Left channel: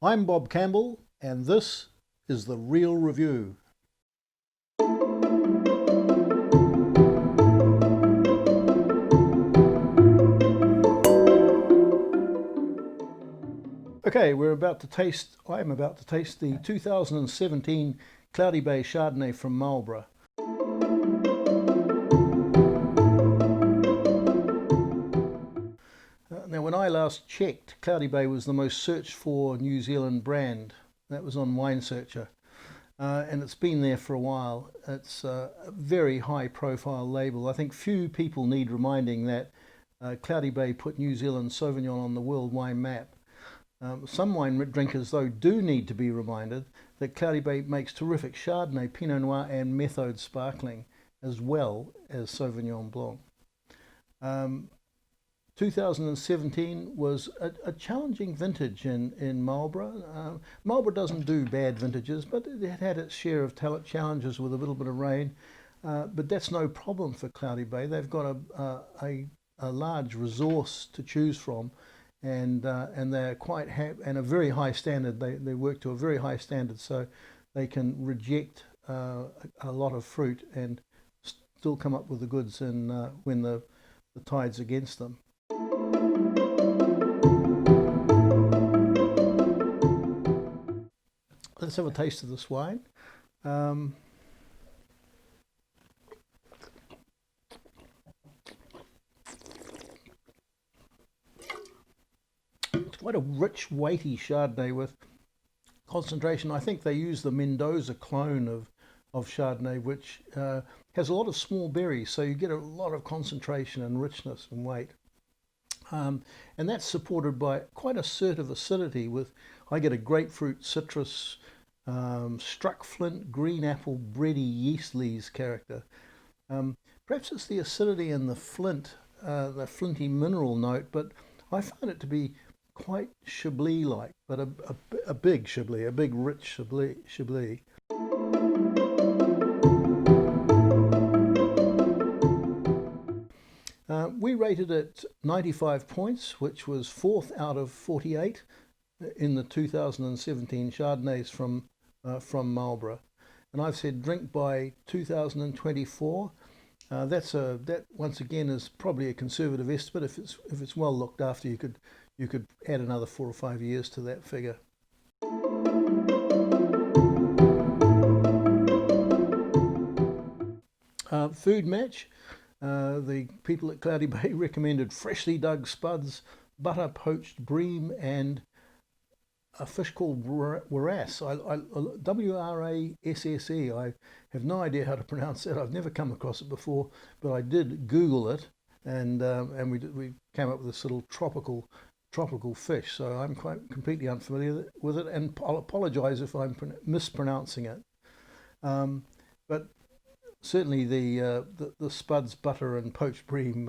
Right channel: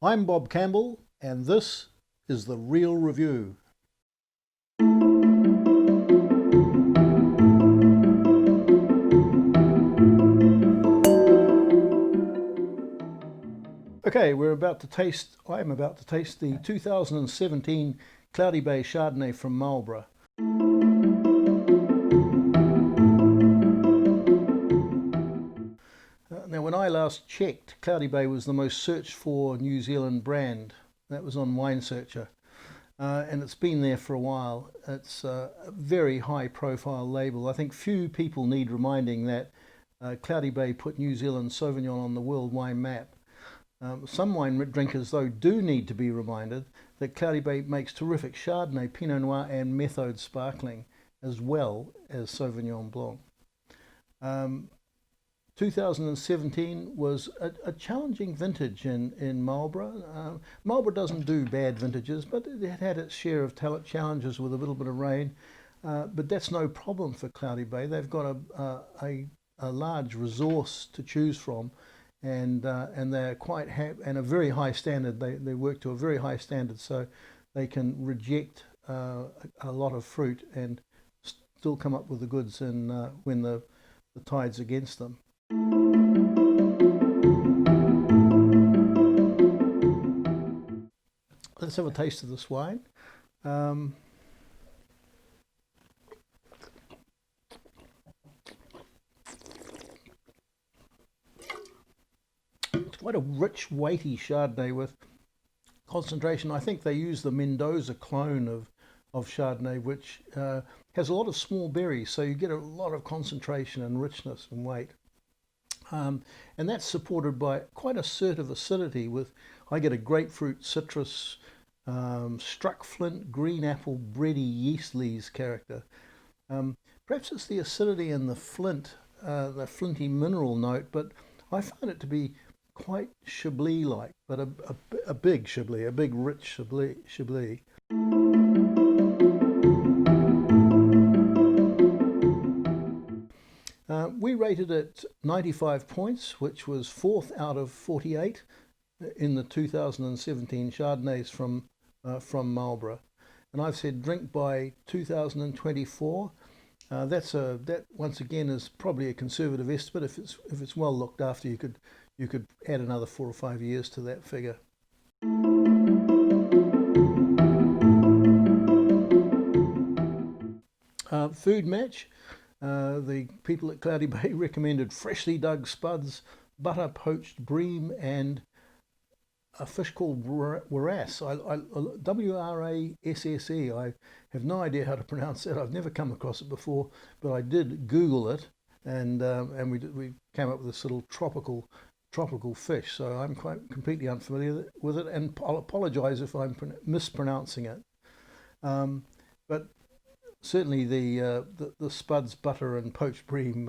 I'm Bob Campbell, and this is The Real Review. Okay, I'm about to taste the 2017 Cloudy Bay Chardonnay from Marlborough. Now, when I last checked, Cloudy Bay was the most searched for New Zealand brand. That was on Wine Searcher. And it's been there for a while. It's a very high profile label. I think few people need reminding that Cloudy Bay put New Zealand Sauvignon on the world wine map. Some wine drinkers, though, do need to be reminded that Cloudy Bay makes terrific Chardonnay, Pinot Noir and Methode Sparkling, as well as Sauvignon Blanc. 2017 was a challenging vintage in Marlborough. Marlborough doesn't do bad vintages, but it had its share of challenges with a little bit of rain. But that's no problem for Cloudy Bay. They've got a large resource to choose from, and they're quite and a very high standard. They work to a very high standard, so they can reject a lot of fruit and still come up with the goods when the tide's against them. Let's have a taste of this wine. It's quite a rich, weighty Chardonnay with concentration. I think they use the Mendoza clone of Chardonnay, which has a lot of small berries, so you get a lot of concentration and richness and weight. And that's supported by quite assertive acidity I get a grapefruit, citrus, struck flint, green apple, bready yeast lees character. Perhaps it's the acidity and the flinty mineral note, but I find it to be quite Chablis-like, but a big Chablis, a big rich Chablis. We rated it 95 points, which was 4th out of 48 in the 2017 Chardonnays from Marlborough. And I've said drink by 2024. That once again is probably a conservative estimate. If it's well looked after, you could add another 4 or 5 years to that figure. Food match. The people at Cloudy Bay recommended freshly dug spuds, butter poached bream, and a fish called wrasse. W-R-A-S-S-E. I have no idea how to pronounce that. I've never come across it before, but I did Google it, and we came up with this little tropical fish. So I'm quite completely unfamiliar with it, and I'll apologise if I'm mispronouncing it. But certainly the spuds, butter, and poached bream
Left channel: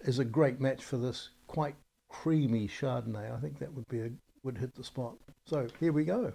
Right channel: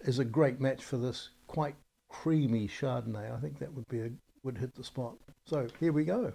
is a great match for this quite creamy Chardonnay. I think that would hit the spot. So here we go.